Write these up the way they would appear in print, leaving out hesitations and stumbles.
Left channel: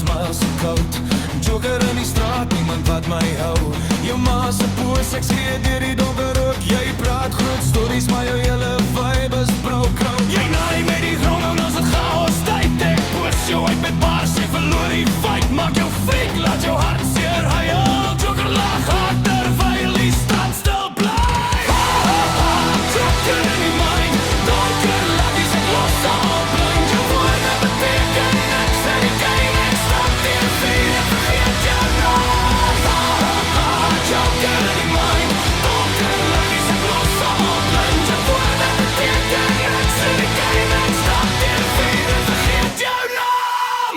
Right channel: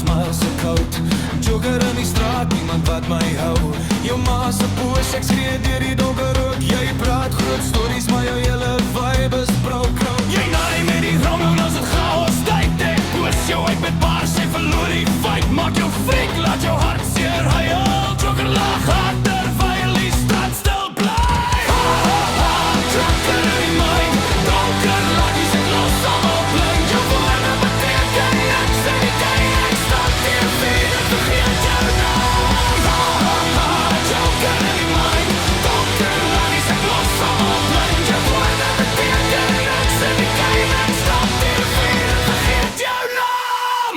smile so koud. Joker in die straat, niemand wat my hou. Jou ma se poes, ek skree deur die donker ook. Jy praat groot stories, maar jou hele vibe is brou. Jy naai met die grong en as het chaos tyd. Ek poes jou uit met bars, jy verloor die fight. Maak jou freak, laat jou hart seer huil. Joker lag hard terwyl die stad stil bly. Ha ha ha, Joker in die mind. Donker laggies, ek los allemaal blind. Jou woorde beteken niks in die game. Ek stap deur vuur en vergeet jou naam. Ha ha ha, Joker in die mind. Donker laggies, ek los allemaal blind. Jou woorde beteken niks in die game. Ek stap deur vuur en vergeet jou naam.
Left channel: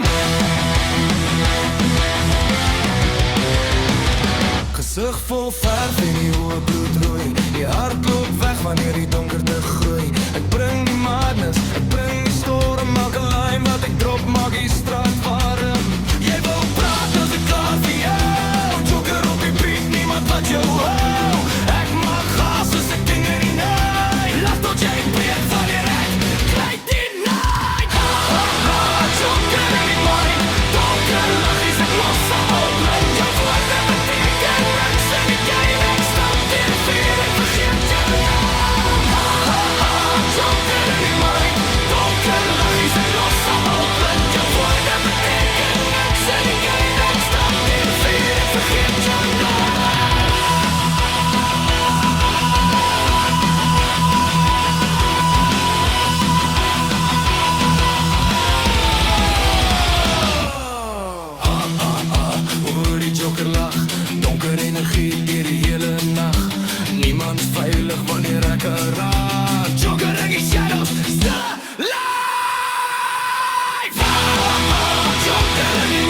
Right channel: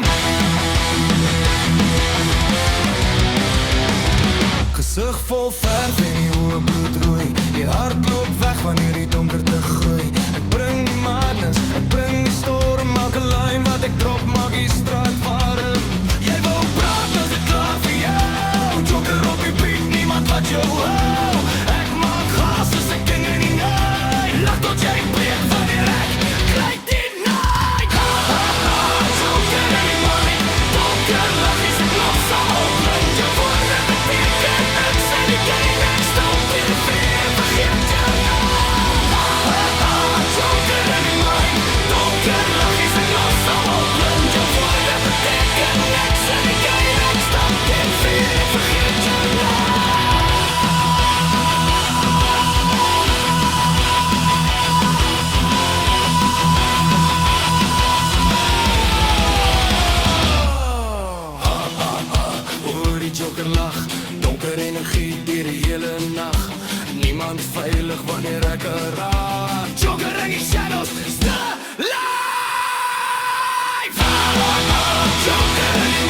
Gesig vol verf en die oë bloedrooi. Die hart loop weg wanneer die donkerte groei. Ek bring die madness, ek bring die storm. Elke lyn wat ek drop maak die straat warm. Jy wou praat, nou is dit klaar vir jou. Joker op die beat, niemand wat jou hou. Ek maak gas soos die king in die night. Lach tot jy breek wanneer ek kry die night. Ha ha ha, Joker in die mind. Donker laggies, ek los allemaal blind. Jou woorde beteken niks in die game. Ek stap deur die vuur en vergeet jou naam. Ha ha ha, Joker in die mind. Donker laggies, ek los allemaal blind. Jou woorde beteken niks in die game. Ek stap deur die vuur en vergeet jou naam. Hoor die Joker lag, donker energie deur die hele nag. Niemand veilig wanneer ek raak. Joker in die shadows, stille life. Joker in die